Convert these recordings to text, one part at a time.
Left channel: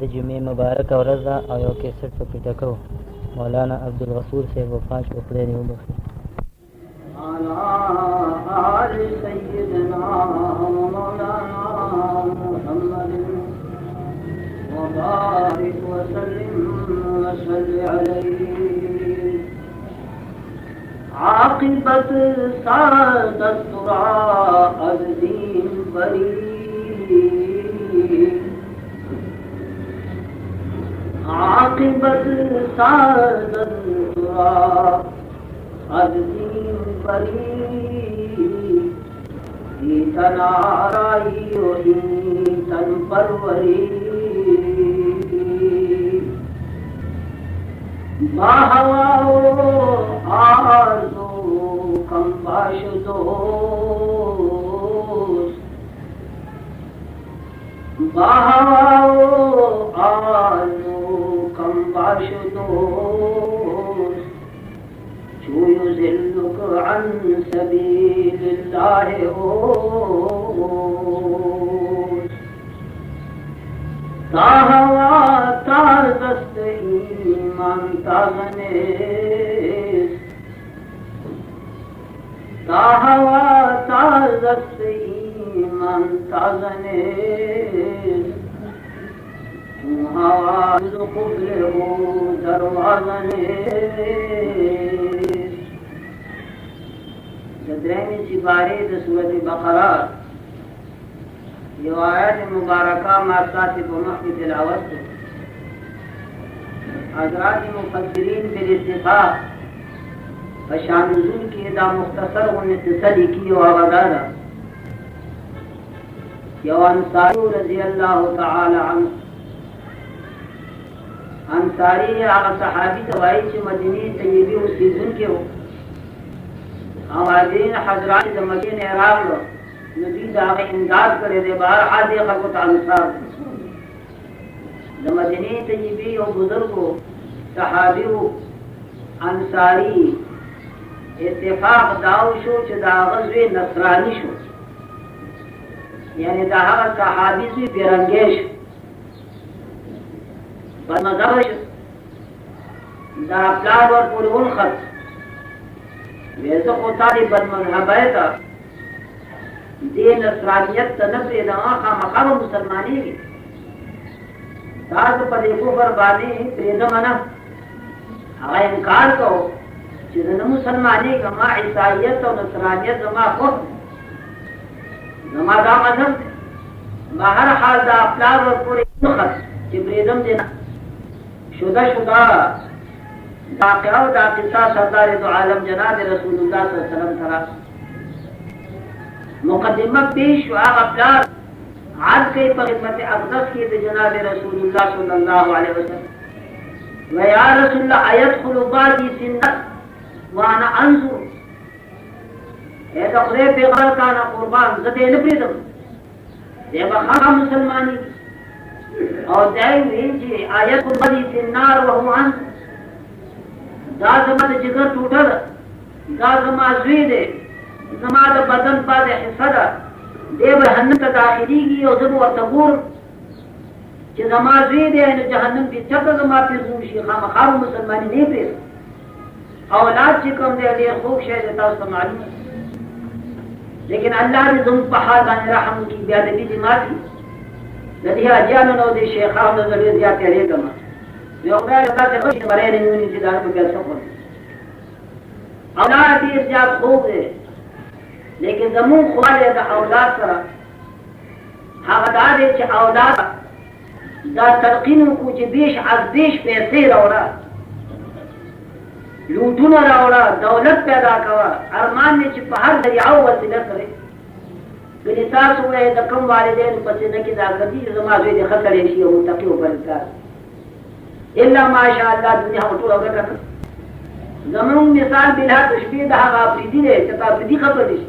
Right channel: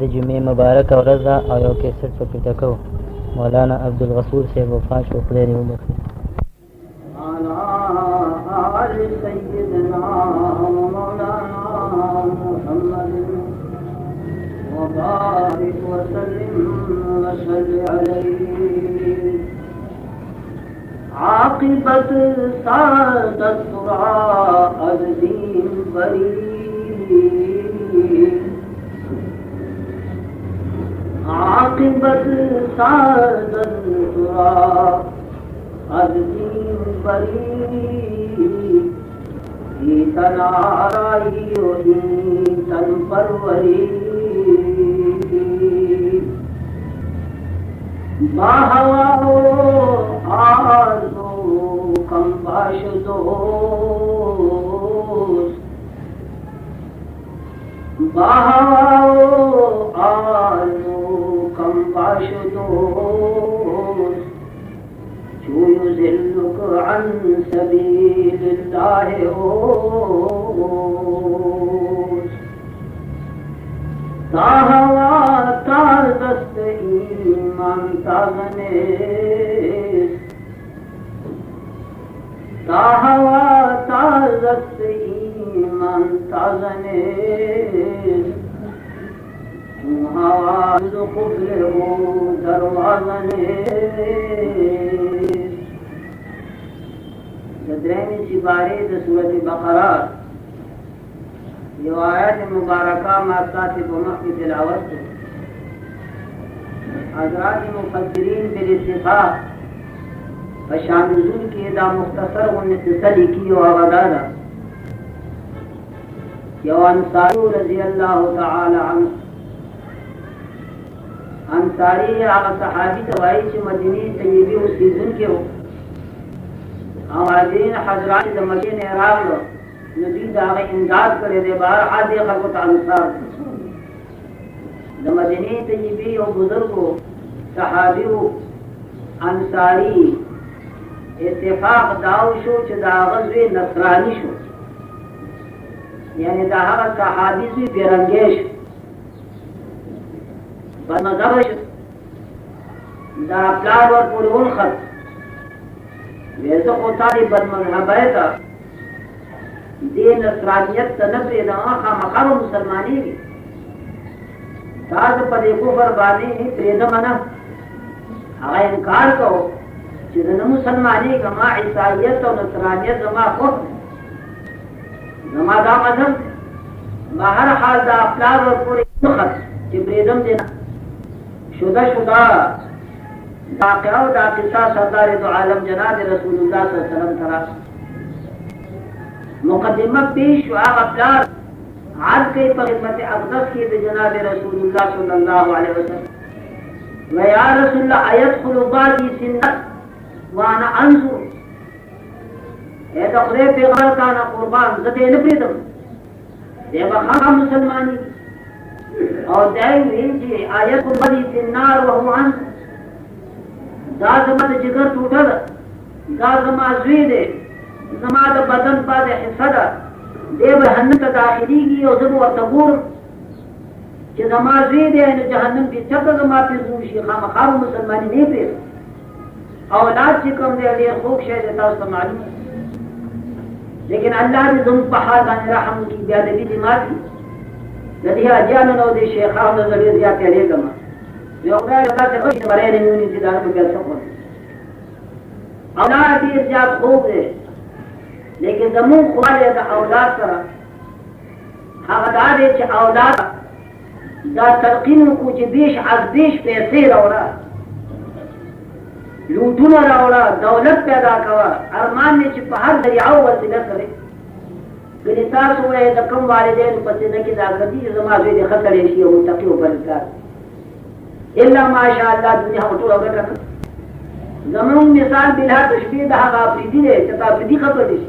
د جمعې مبارک ورځ ده او you cassette پکې ټکو. مولانا عبدالغفور صاحب وفات شو، خدای دې وبخښي. عاقبت سعادت را از دین بری، عاقبت سعادت را از دین بری، این تن آرائی و این تن پروری، با هوا و آرزو کم باش دوست، با هوا و آرزو کم باش دوست، چون ذلك عن سبيل الله اوست، تا هوا تا دست ایمان تازنیست، تا هوا تا دست ایمان تازنیست، تو هوا دو کفر و دروازنیست. درمی سپاری د سورۃ بقرہ یو آیت مبارکہ ما ساتھ په مخ کې تلاوت ده. حضرات مفسرین بالاتفاق فشان نزول کې دا مختصر ونتصلی کی او غدادا یو انصاری رضی اللہ تعالی عنہ، انصاری هغه صحابي ته وایي چې مدینه طیبه اوسېدونکی و او حاضرین حضرات د مدینې راغلو نو دوی د هغه امداد کړی دی. بهرحال دې خلکو ته انصار د مدینې طیبې یو بزرګ و، صحابي و، انصاري. اتفاق دا وشو چې د هغه زوی نصراني شو، یعنې د هغه صحابي زوی بېرنګی شو، بدمذهبه شو. دا پلار ورپورې ونښت، وی زه خو تا دې بدمذهبۍ ته دې نصرانیت ته نه پرېږدم، خامخا به مسلمانېږي. دا زه په دې کفر باندې پرېږدم نه. هغه انکار کوو چې زه نه مسلمانېږم، ما عیسایت او نصرانیت زما خوښ دی، زما دا مذهب دی. بهرحال دا پلار ورپورې ونښت چې پرېږدم دې نه. شده واقعه و دا قصه سردار دو عالم جناب رسول اللہ صلی اللہ علیہ وسلم ترا مقدمہ پیش و آغا پلار عرض کئی پر خدمت اقدس کی دو جناب رسول اللہ صلی اللہ علیہ وسلم و یا رسول اللہ ایدخل بعدی سنت وانا انظر، اے دخلے پیغمبر کانا قربان زدے نپریدم دے بخواہ مسلمانی اور دائمی جی ایدخل بعدی سنار وہو انظر، دا زما د جگر ټوټه ده، دا زما زوی دی، زما د بدن پاتې حصه ده، دی به جهنم ته داخلېږي او زه به ورته ګورم چې زما زوی دی نو جهنم کې چپه زما پرې زور شي، خامخا به مسلماني نه پرېږدم. اولاد چې کوم دی ډېر خوږ شی دی، تاسو ته معلوم ده، لیکن الله دې زموږ په حال باندې رحم وکړي. بېادبي دې ماتي. د دې حاجیانو نه او د شیخانو نه زه ډېر زیات تېرېږم. یو خدای داسې خوشي بری نه ویني چې دا په جلسه کړم. اولاد ډېر زیات خوب دی، لیکن زموږ خواله د اولاد سره هغه دا دی چې اولاد دا تلقین وکړو چې بیش از بیش پیسې راوړه، لوټونه راوړه، دولت پیدا کوه. ارمان دی چې په هر ذریعه وسیله سره ګنې تاسو وایئ د کوم والدینو په سینه کې دا ګرځي چې زما زوی دې ښه سړی شي او متقي او پرهیزګار الا ماشاء الله دنیا ټوله ګټه. زمون مثال بلا تشبیه د هغه افریدي دی چې په افریدي خبرې شي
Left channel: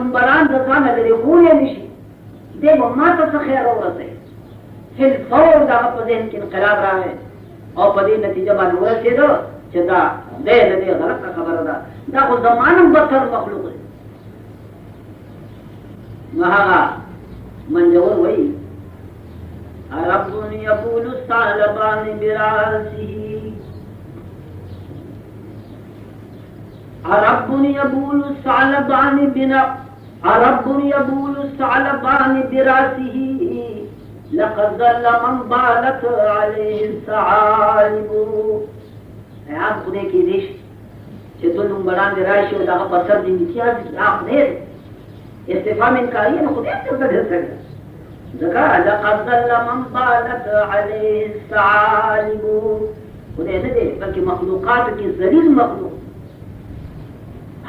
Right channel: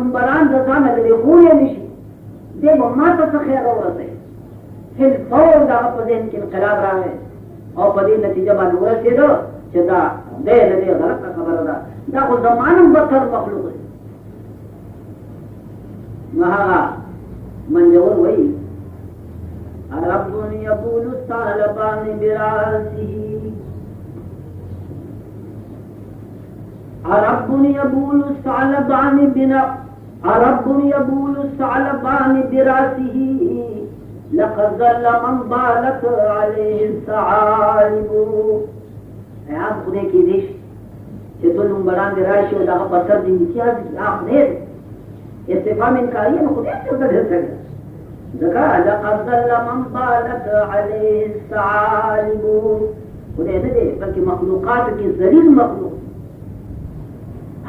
دنبالان دسان لري کولې نشي دې ما ته څه خیر ورته فل فور دا په ذهن کې انقلاب راغی او په دې نتیجه باندې ورسېدو چې دا دې غلطه خبره ده دا خو زمانم بدتر مخلوق دی نو هغه منجور وایي رب يقول الثعلبان براسه رب يبول الثعلبان رب يبول الثعلبان براسه لقد ظل من بالت عليه الثعالب آپ خدای کی دیش چې دلون بڑان دی راشي او دغه پر سر دی امتیاز کی آپ خدای استفهام انکاری نه خدای ته بدل کړي ځکه لقد ظل من بالت عليه الثعالب خدای نه دی بلکې مخلوقات کې ذلیل مخلوق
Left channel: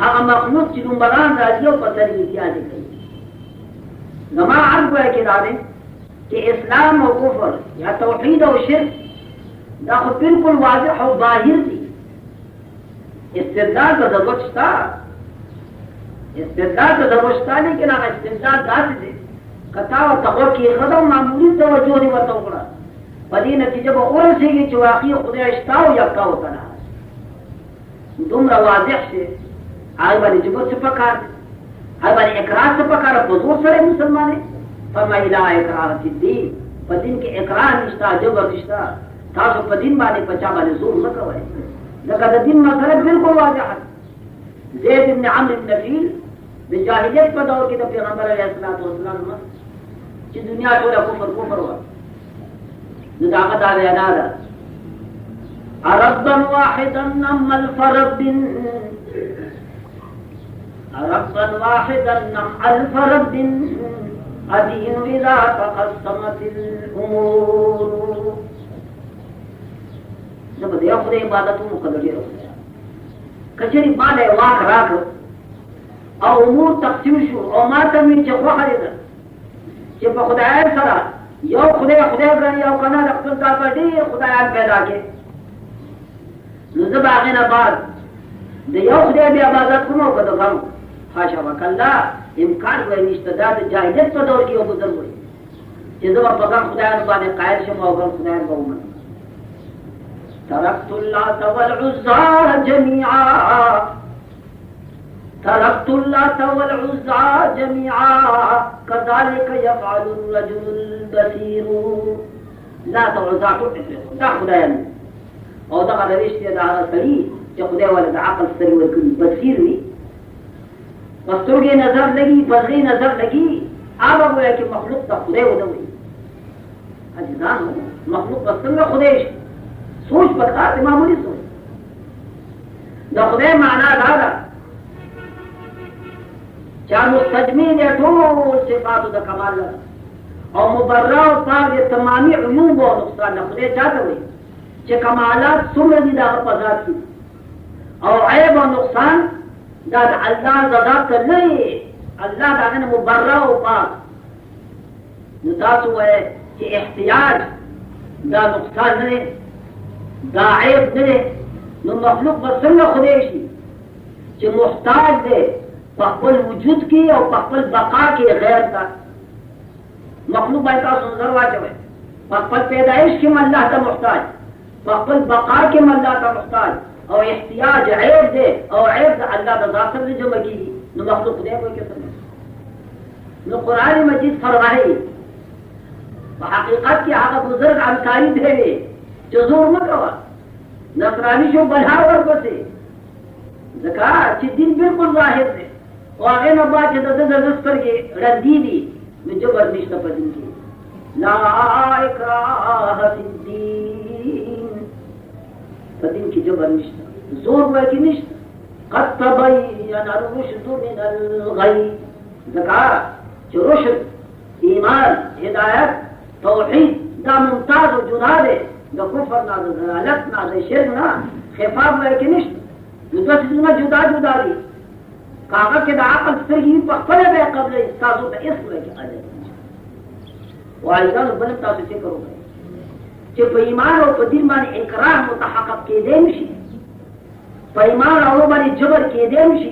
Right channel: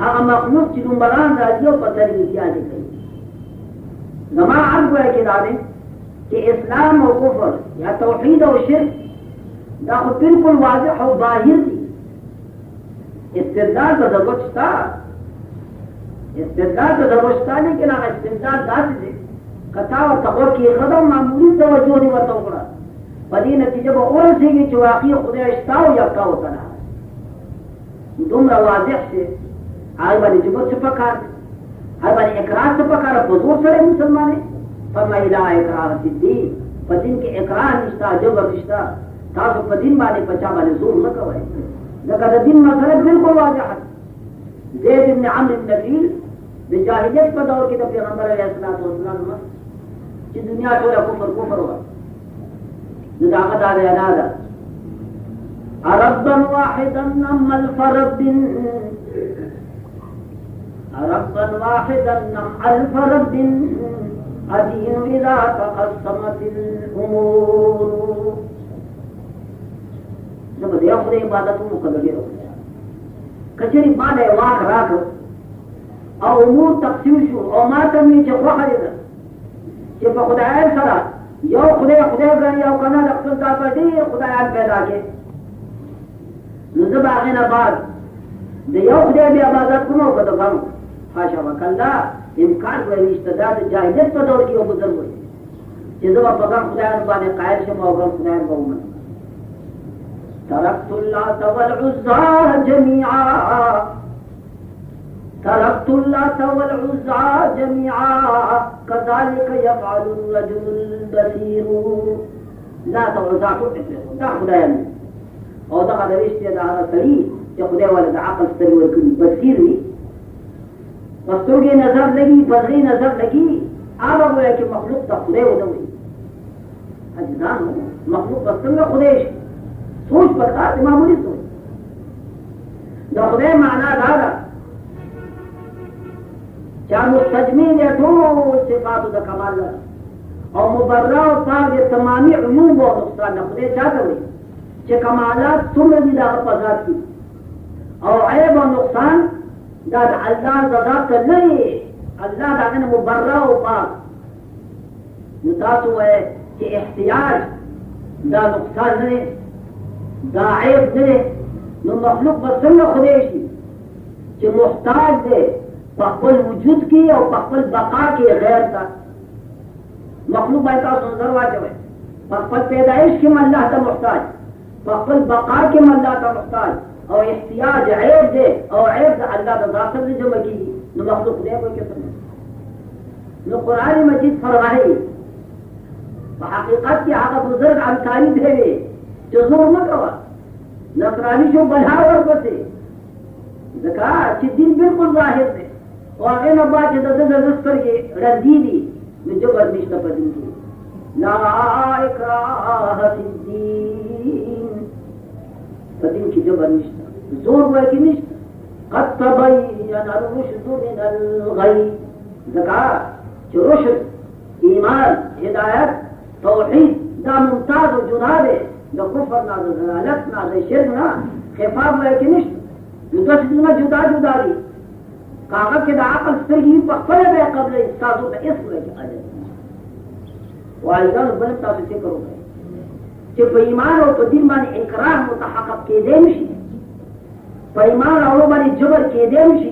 هغه مخلوق چې دلون بڑان راځي او پر سر دی امتیاز کوي زما عرض وایي کې دا دی کہ اسلام و کفر یا توحید و شرک دا خود بالکل واضح و ظاہر دی استدلال کا ضرورت شتا لیکن اگر استدلال داسی دے قطع و تقور کی قدم معمولی توجہ نہیں ورطا اکڑا پدی نتیجہ با اور سے گی چواقی خدا اشتا و یکا ہوتا نا دوم را واضح سے آئی بانی جبت سے پکار آئی بانی اقرار سے پکار بزور سرے مسلمانے فرمائی لا اقرار فی الدین فدین کے اقرار نشتا جبر نشتا تاسو فدین باندې پچا باندې زور نه کوي لکه د دین مسله بالکل واضحه زید بن عمرو بن نفیل د جاهلیت په دور کې د پیغمبر علیه الصلاۃ والسلام چې دنیا ټول کفر و نو دا هغه دا نه ده ربا واحدا نم الفرد ربا واحدا نم الفرد الدين إذا تقسمت الأمور زب دې خپل عبادتو مقدرې وکړه کچري باندې واک راکړ او امور تقسیم شو او ما ته من چې خوخه ده چې په خدای سره یو خدای غني او کنه د خپل ځای په دې خدایان پیدا کړي نو زب هغه نه بعد د یو خدای بیا عبادت کوم او کده غو خاشا وکلا امکان کوي نشته دا د جاهلیت په دور کې یو بزرګ وي چې زما په ځان خدایانو باندې قائل شم او بل خدایان به ومنم تركت اللات والعزى جميعا كذلك يفعل الرجل البصير لات والعزى دا خدایان او دا غوښتي دا سړي چې خدای ولا د عقل سره ورکړي بصیر وي پسترګې نظر لګي بغي نظر لګي هغه وایي چې مخلوق ته خدای ودوي اجزان مخلوق څنګه خدای شي سوچ پکار معمولی سوچ دا خدای معنا دا ده چې مستجمی دې ټول صفات د کمال او مبرر او صاحب تمامي عیوب او نقصان نه خدای چاته وي چې کمالات څومره دي دا په ذات کې او عیب او نقصان دا د الله ذات ته نه الله دا نه مبرر او پاک نو تاسو وایي چې احتیاج دا نقصان نه دا عیب نه نو مخلوق به څنګه خدای شي چې محتاج دی په خپل وجود کې او په خپل بقا کې غیر ته مخلوق باید تاسو نظر واچوئ په خپل پیدایش کې الله ته محتاج په خپل بقا کې الله ته محتاج او احتیاج عیب دی او عیب د الله د ذات سره جمع کیږي نو مخلوق دی کوئی څه نو قرآن مجید فرمایي په حقیقت کې هغه بزرګ انکاری دی چې زور نه کوه نصرانی شو بلهار ورپسې ځکه چې دین بالکل ظاهر دی او هغې نه بعد چې د ده د سترګې ړندې دي نو جبر نشته په دین کې لا اکراه فی الدین په دین کې جبر نشته زور وایي نشته قد تبین الرشد من الغی ځکه چې رشد ایمان هدایت توحید دا ممتاز و جدا دی د کفر نه د ضلالت نه د شرک نه خفاف وایي کې نشته نو دوه څیزونه جدا جدا دي کاغه کې د عقل سترګې په خپله به قبلې تاسو ته هېڅ وایي کې عاجز والدانو بل تاسو فکر وکړئ چې په ایمان او په دین باندې انکرار متحقق کېدی نشي په ایمان او باندې جبر کېدی نشي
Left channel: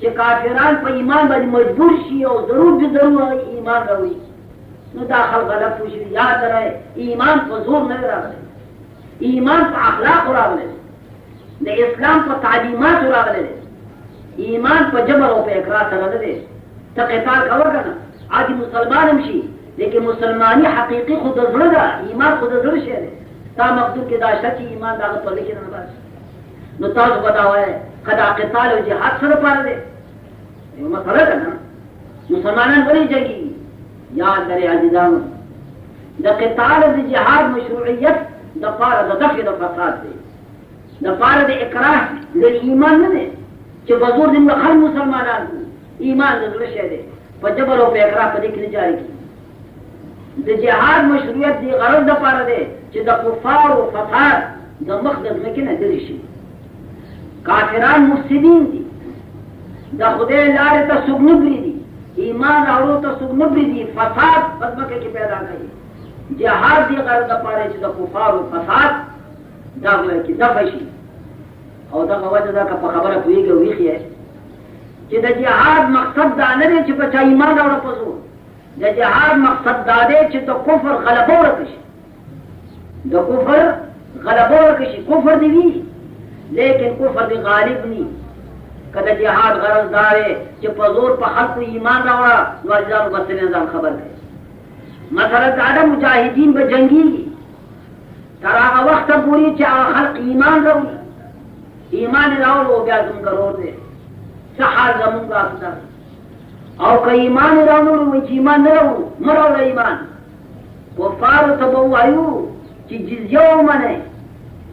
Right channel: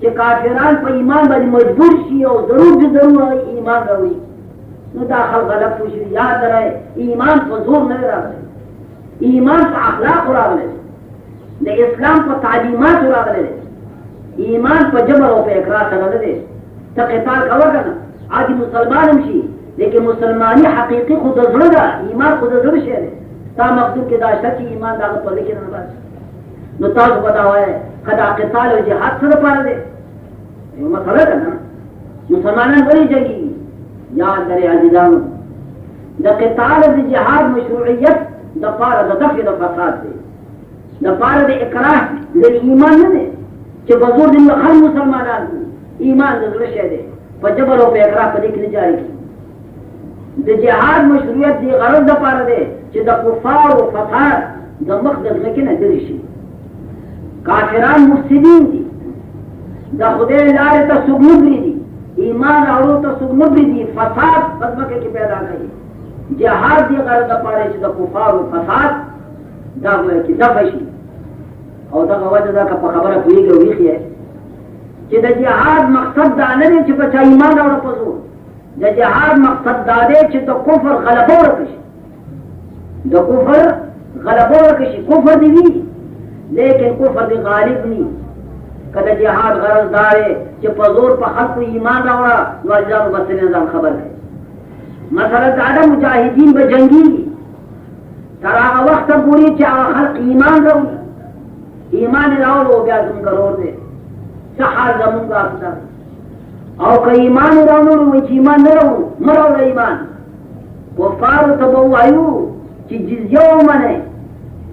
چې کافران په ایمان باندې مجبور شي او ضرور دي ضرور ایمان راوړي نو دا خلک غلط وشي. یاد لرئ ایمان په زور نه راغلی، ایمان په اخلاق راغلی، د اسلام په تعلیمات راغلی، ایمان په جبر او په اقرار سره نه دی. ته قتال کوه که نه عادي مسلمان هم شي، لیکن مسلمانی حقیقي خو د زړه ده، ایمان خو د زړه شی دی. تا مقدور کې دا شته چې ایمان د هغه په لیکې نه باسي. نو تاسو به دا وایئ که دا قتال او جهاد څه دپاره دی؟ یو مسله ده نه. مسلمانان ولې جنګېږي؟ یاد لرئ عزیزانو د قتال د جهاد مشروعیت دپاره د دفع د فساد دی، دپاره د اکراه د ایمان نه دی چې په زور دې هر مسلمانان ایمان د زړه شی دی، په جبر او په اکراه په دې کې نه جاري کېږي. د جهاد مشروعیت دې غرض دپاره دی چې د کفارو فساد د مخ د ځمکې نه لرې شي. کافران مفسدین دي، د خدای لارې ته څوک نه پرېږدي، ایمان راوړو ته څوک نه پرېږدي، فساد په ځمکه کې پیدا کوي. جهاد دې غرض دپاره چې د کفارو فساد دغه کې دفع شي. او دغه وجه ده که په خبره پوهېږي او ویښ یې چې د جهاد مقصد دا نه دی چې په چا ایمان راوړه په زور. د جهاد مقصد دا دی چې د کفر غلبه ورکړي شي، د کفر غلبه ورکړي شي. کفر دې وي لیکن کفر دې غالب ني. که د جهاد غرض دا دی چې په زور په خلکو ایمان راوړه نو اجزاو مسلې ځان خبر کړي. مثلا دا د مجاهدین به جنګېږي تر هغه وخته پورې چې هغه خلق ایمان راوړي، ایمان یې راوړو بیا زموږ ورور دی، څه حال زموږ افسر. او که ایمان یې راوړو وایي چې ایمان نه راوړو مه راوړه ایمان. کفارو ته به ووایو چې جزیه ومنئ،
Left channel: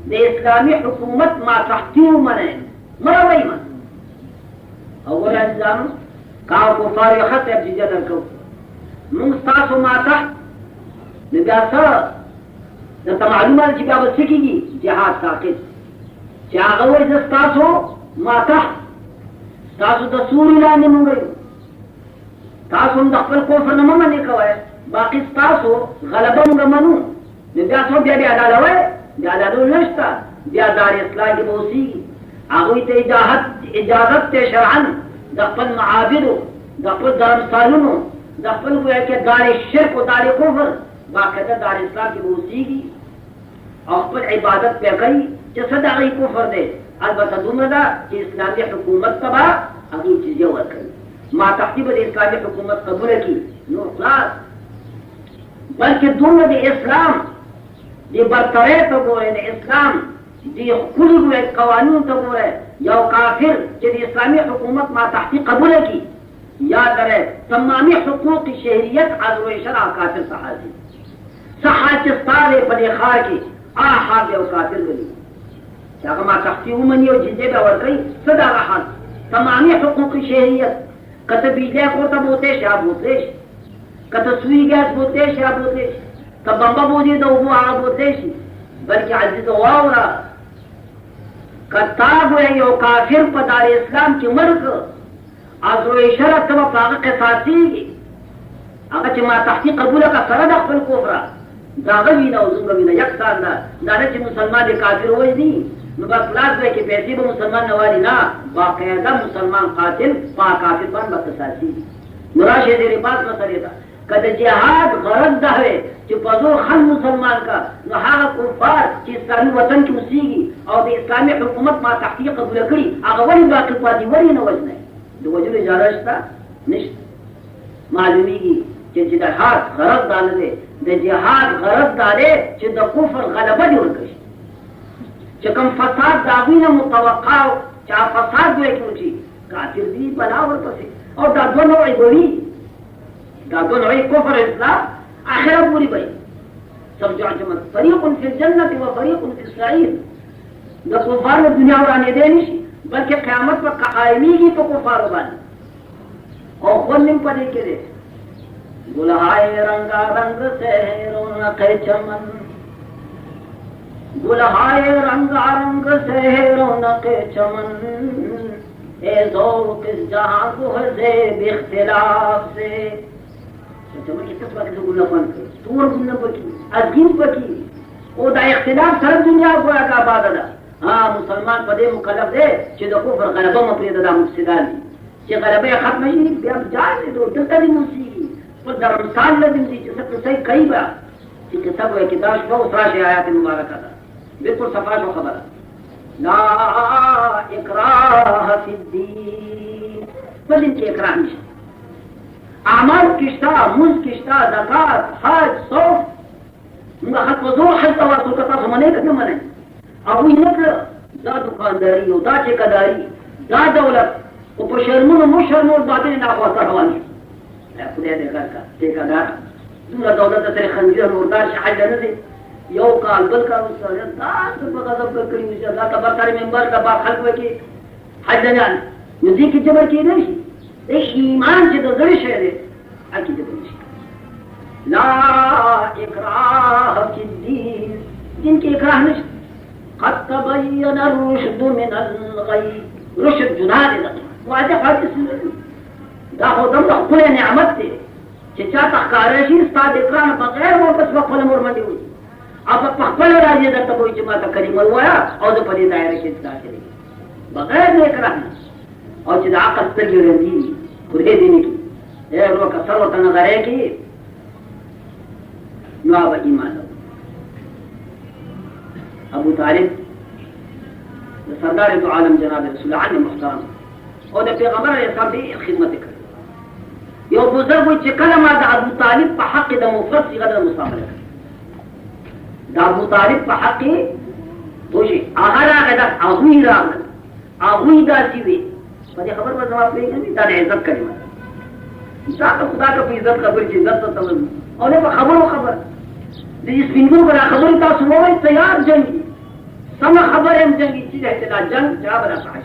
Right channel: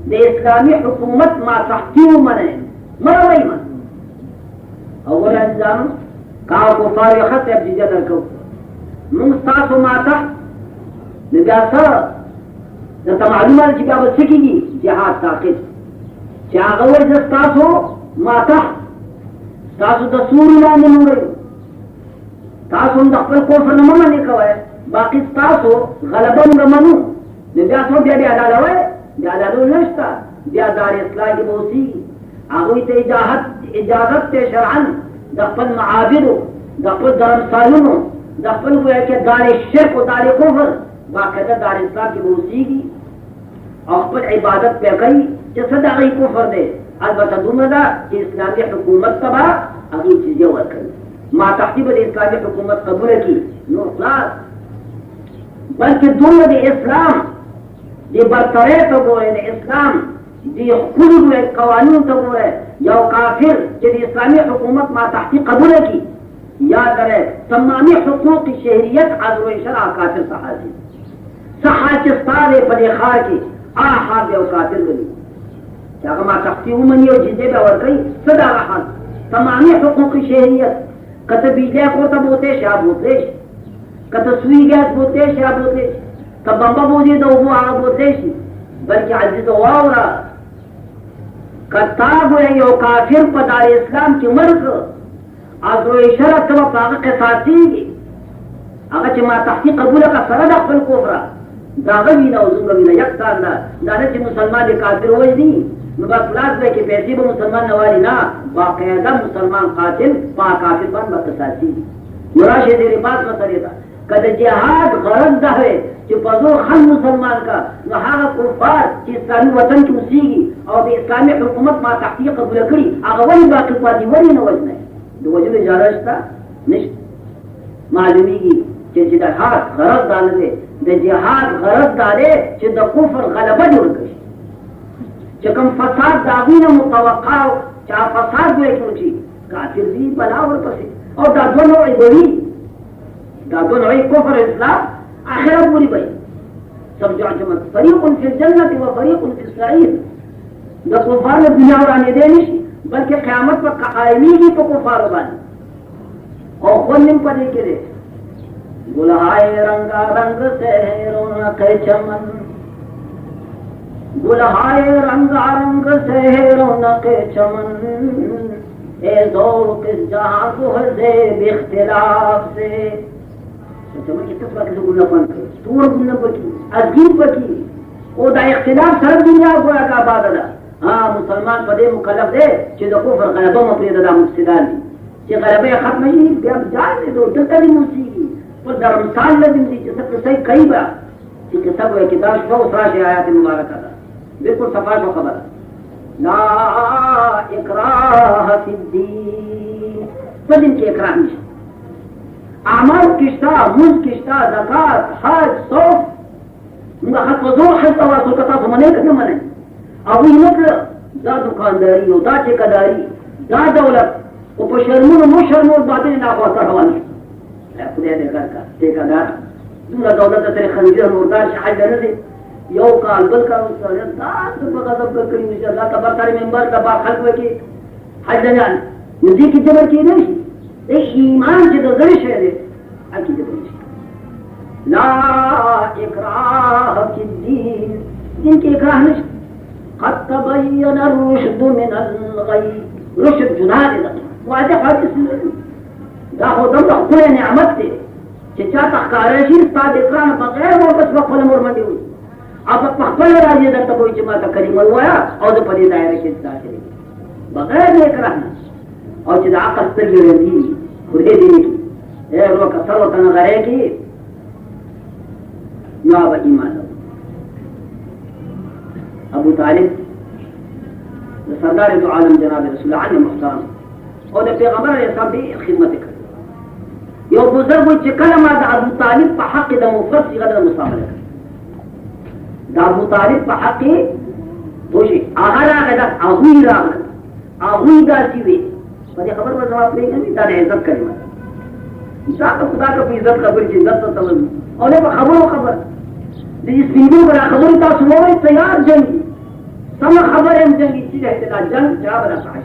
د اسلامي حکومت ماتحتي ومنئ، مه راوړه ایمان. اول عزیزانو که هغه کفار یې ښه صاحب جزیه درکوو موږ ستاسو ماتحت نو بیا څه درته معلومه ده چې بیا به څه کېږي؟ جهاد ساقط. چې هغه وایي زه ستاسو ماتحت، ستاسو د سوري لاندې نوړی، تاسو هم د خپل کفر نه مه منې کوئ، باقي ستاسو غلبه موږ منو. نو بیا څو بیا ډاډه وایي؟ بیا ډاډو نشته، بیا دار اصلاح کې به اوسېږي. هغوی ته اجازت دی شرعا د خپل معابدو، د خپل درمسالونو، د خپل گویا کې دار شرک و دار کفر باقاعده دار اسلام کې به اوسېږي او خپل عبادت پې کوي چې څه د هغوی کفر دی. البته دومره ده چې اسلامي حکومت ته به هغوی جزیه ورکوي، ماتحتي به د اسلامي حکومت قبوله کړي نو خلاص. بلکې دومره د اسلام د برترۍ ته ګورئ، د اسلام د ښکلو قوانینو ته ګورئ. یو کافر چې د اسلامي حکومت ماتحتي قبوله کړي، یاد لرئ تمامي حقوق شهریت عضو شرع کافر ته حاصل. څه حال چې ستا دی په دې ښار کې هغه حال یو کافر ولي چې هغه ماتحتي ومني او جزیه به ورکوي، څه د هغه حال تمامي حقوق شهریت. که ته بجلی کور ته بوتلی شي هغه بوتلی شي، که ته سوی ګاز بوتلی شي هغه بوتلی شي، که بمبه بوځي د اوبو هغه بوتلی شي. بلکې عزیزه واوره که تا ګویا یو کافر په دار اسلام کې مړ کړه عضو شرع ته به په هغه قصاصېږي. هغه چې ماتحتي قبوله کړه سره د خپل کفره د هغه وینه او زموږ وینه یکسان ده. دا نه چې مسلمان د کافر وژني نو بس لاس به کې پیسې به مسلمان نه والي، نه، باقاعده مسلمان قاتل په کافر باندې به قصاصېږي. نو راشئ د رباط مسلې ته که د جهاد غرض دا وی چې په زور خل مسلمان کا نو هغه کفار چې اسلامي وطن کې اوسېږي او د اسلامي حکومت ماتحتي قبوله کړي هغه ولې باقي پاتې ولې نه وژنئ؟ د وژلو اجازه شته؟ نشته. معلومیږي چې جهاد غرض دا نه دی، د جهاد غرض دا دی چې د کفر غلبه دې وکړي. چې کوم فساد د هغوی نه متوقع و چې هغه فساد دوی کې وشي کافر دي بلا ورپسې. او دا دوه نوعې به وي، دا دوه نوعې کفر اسلام آخرت پورې به وي. سمجھو فریق فی الجنة و فریق فی السعیر. د کفارو دنیا ورانېدی نه شي بلکې قیامت به قایمیږي په کفارو باندې. او خوند هم په دې کې دی گلهای رنگارنگ سے رونق چمن، گلهای رنگارنگ سے رونق چمن، اے ذوق جہاں کو ہے زیب اختلاف سے. چمن کې څه وخت ګل پن کړ تور ګل پکې ازګین پکې او دا اختلاف سره دنیا ګویا کا آباد ده. ها مسلمان په دې مکلف دی چې د کفر غلبه مو پرېږده، دا مفسدان دي. چې غلبه ختم شي بیا جای دې دلته دې موسیقي په درمسال لازم دي چې څه صحیح کوي با چې کتاب وایي کې دا شنو سره آیات مبارکه ده بالکل صفا شو خبره لا اکراه فی الدین فدین کې اکراه نشته اعمال کشتا موز کشتا زکات حج صوف موږ خط وزور حته واسو کتا سو منه کنه منه او یې مطلب دا دکانداری او دا ټیکاداری دا دولت او په شرمونو مو شرمو باندې نه خواته روان لا خدای دې کار کا ټیکادار دومره دولت سره خنجر مردار شحال نه دي یو کال بل کال سره دا په غضب کړی چې دا کبر کړی منبر دا با خلق وکي حج نه نزدیک جبر کې نه شي ايش ایمان چې د زړه شه دي اكيد دې لا اکراه فی الدین دین کې اکراه نشته قد تبين الرشد من الغي رشد جنان ده واضح حدیث دا خو دغه خپل نعمت دی چې چا تخکاره شي ستاسو اکراه بغیر نو بس خپل مور باندې وي او په خپل راځي درته وایي چې ما ته کلمه وایا او د پدې دایره کې داخلي بغیر نه اکراه او چې د عقل سترګې ورندي خو دې دې نه ورو کثر وته نظرې کې نو به ایمان ابو طالب سردار دو عالم جناب رسول الله علیه محترم او د پیغمبر اسلام دی خدمت کړ یو بزرګ چې کله ما د ابو طالب په حق د مفرد غیر مصامله د ابو طالب په حق دوشي هغه راغی دا هغه دا چې وي په دې خبر باندې جواب نه کوي دا د عزت کلمه انسان خدا ته په عزت خبر چې عزت ته تمام او نه خبر دې سپینګو پر خبرې تاسو وایي تیار جنگي سم خبر هم جنگي چې دا جنگ جواب راځي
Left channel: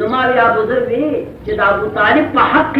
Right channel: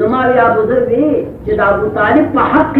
نو ما یا بزرګ چې د ابو طالب په حق